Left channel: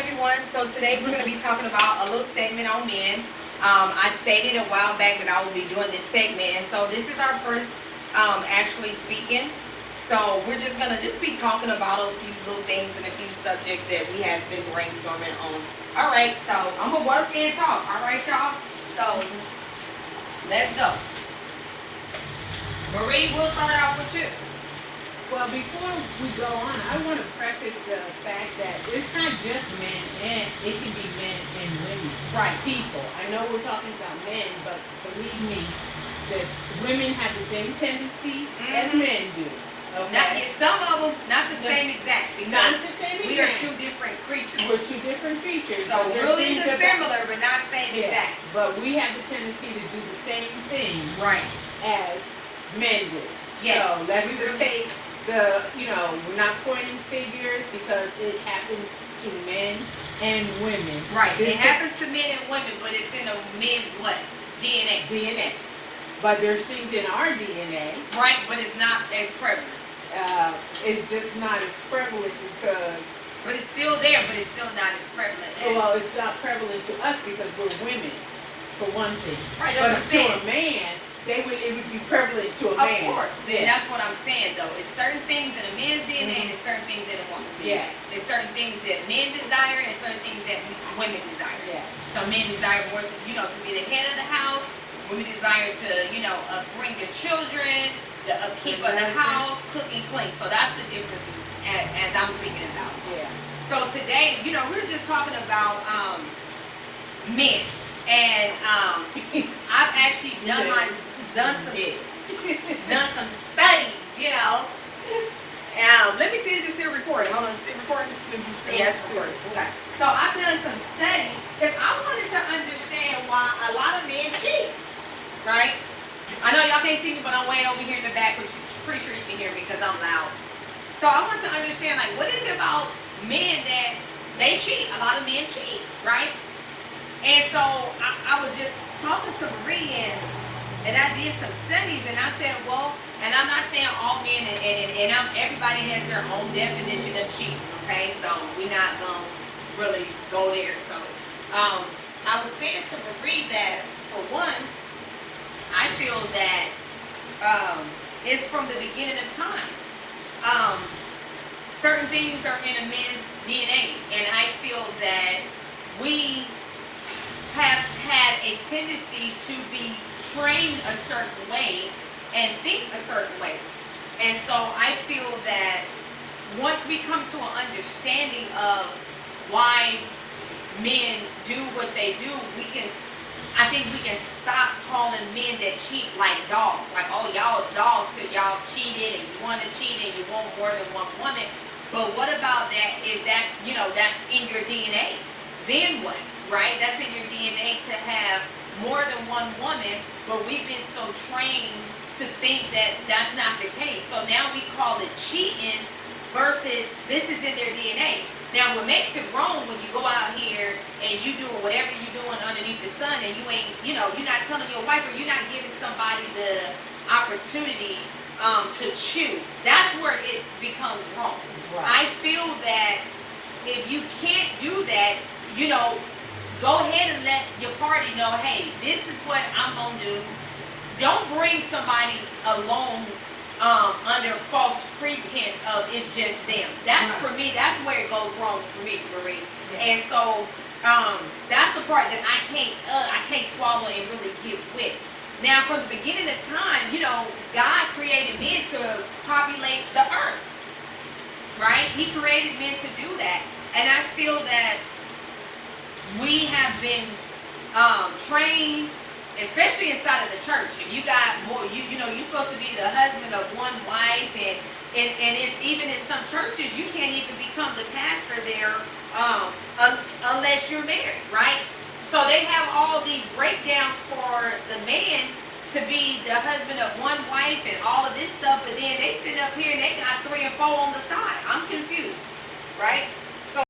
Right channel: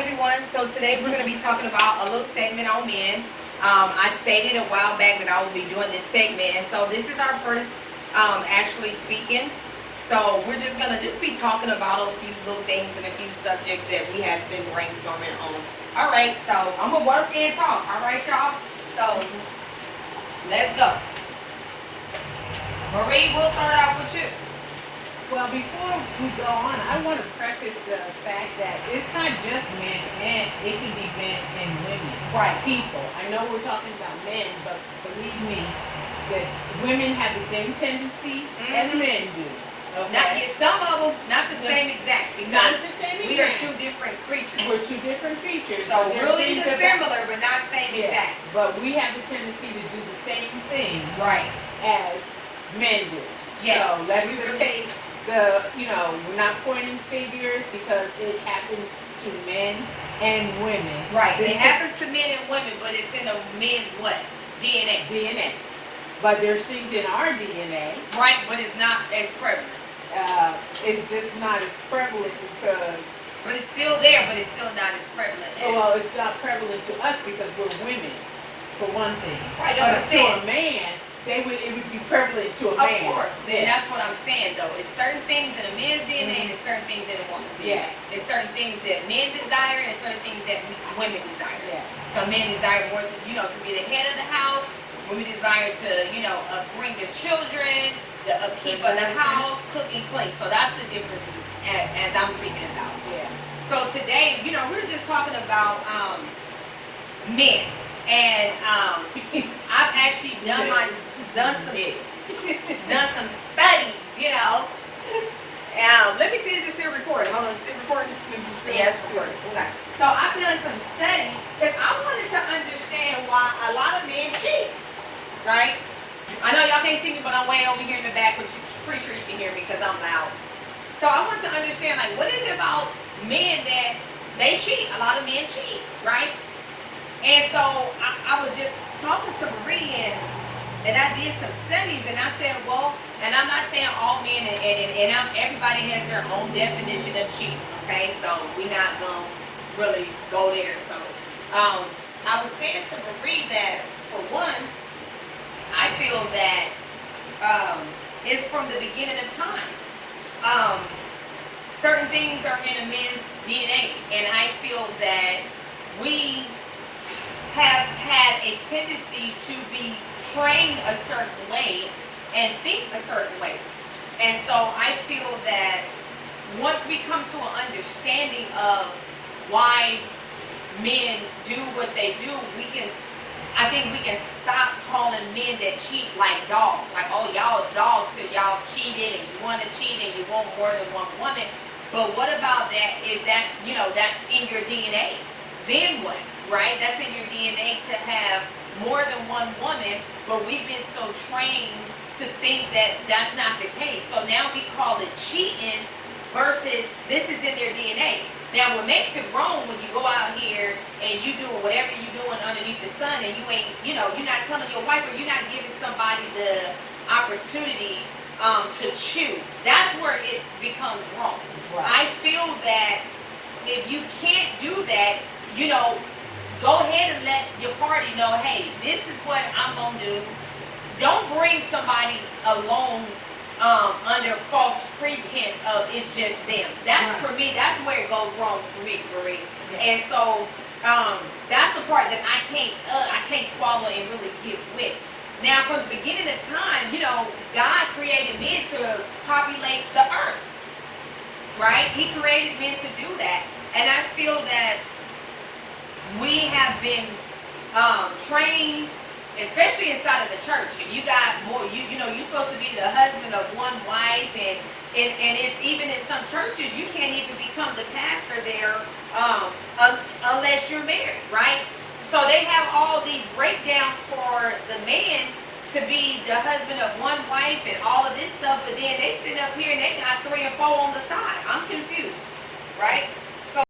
everyone. So today we're going to be talking about a little segment on men. I stated a while back that I would be doing this segment, and so this is our first actually speaking. So we're just going to be talking about a few little things and a few subjects that we have been brainstorming on. All right, so I'm going to work and talk. All right, y'all? So let's go. Marie, we'll start out with you. Well, before we go on, I want to preface the fact that it's not just men, and it can be men and women. Right. People. I know we're talking about men, but believe me, that women have the same tendencies as men do. Okay? Not yet, some of them, not the same exact. Not the same We are exact. two different creatures. We're two different creatures. So but there's really things similar, but not same exact. But we have the tendency to do the same thing Right. as men do. Yes. So let's just take we're not pointing figures because it happens to men and women. Right. It happens to men and women, but it's in a men's what? DNA. DNA. But there's things in our DNA. Right, but it's not as prevalent. It's just not as prevalent because. But it's still there, but it's still not as prevalent. Well, it's not prevalent to us because we're women, for one thing. Right, but that's what I'm saying. to a man, it would be prevalent to a man. Of course. And that's what I'm saying, though. It's certain things in a man's DNA and there's certain things in a woman's DNA. Yeah. There's certain things that men desire and certain things that women desire. Yeah. So men desire more to, to be the head of the house. Women desire to, bring your children, the upkeep of the house, cook and clean. So that's the difference as I'm speaking about. Yeah. So today, we're just talking about men. And I've actually done some studies, let me see if it's still recording. Hold on, is it recording? Yeah, it's recording. Okay. So I've done some studies because I wanted to understand why a lot of men cheat, right? I know y'all can't see me, but I'm way over here in the back, which I'm pretty sure you can hear me because I'm loud. So I want to understand, what is it about men that they cheat? A lot of men cheat, right? And so I was just talking to Marie and I did some studies and I said, well, and I'm not saying all men and everybody has their own definition of cheating, okay? So we're not going to really go there. So I was saying to Marie that, for one, I feel that it's from the beginning of time. Certain things are in a man's DNA, and I feel that we have had a tendency to be trained a certain way and think a certain way. And so I feel that once we come to an understanding of why men do what they do, I think we can stop calling men that cheat like dogs. Like, oh, y'all dogs because y'all cheated and you want to cheat and you want more than one woman. But what about that if that's in your DNA? Then what? Right? That's in your DNA to have more than one woman, but we've been so trained to think that that's not the case. So now we call it cheating versus this is in their DNA. Now what makes it wrong when you go out here and you doing whatever you're doing underneath the sun and you ain't, you're not telling your wife or you're not giving somebody the opportunity to choose. That's where it becomes wrong. Right. I feel that if you can't do that, go ahead and let your party know, hey, this is what I'm going to do. Don't bring somebody along under false pretense of it's just them. That's right. For me, that's where it goes wrong for me, Marie. Yeah. And so that's the part that I can't swallow and really get with. Now, from the beginning of time, God created men to populate the earth, right? He created men to do that. And I feel that we have been trained, especially inside of the church. If you got more, you're supposed to be the husband of one wife, and it's even in some churches you can't even become the pastor there unless you're married, right? So they have all these breakdowns for the man to be the husband of one wife and all of this stuff, but then they sit up here and they got 3 and 4 on the side. I'm confused, right?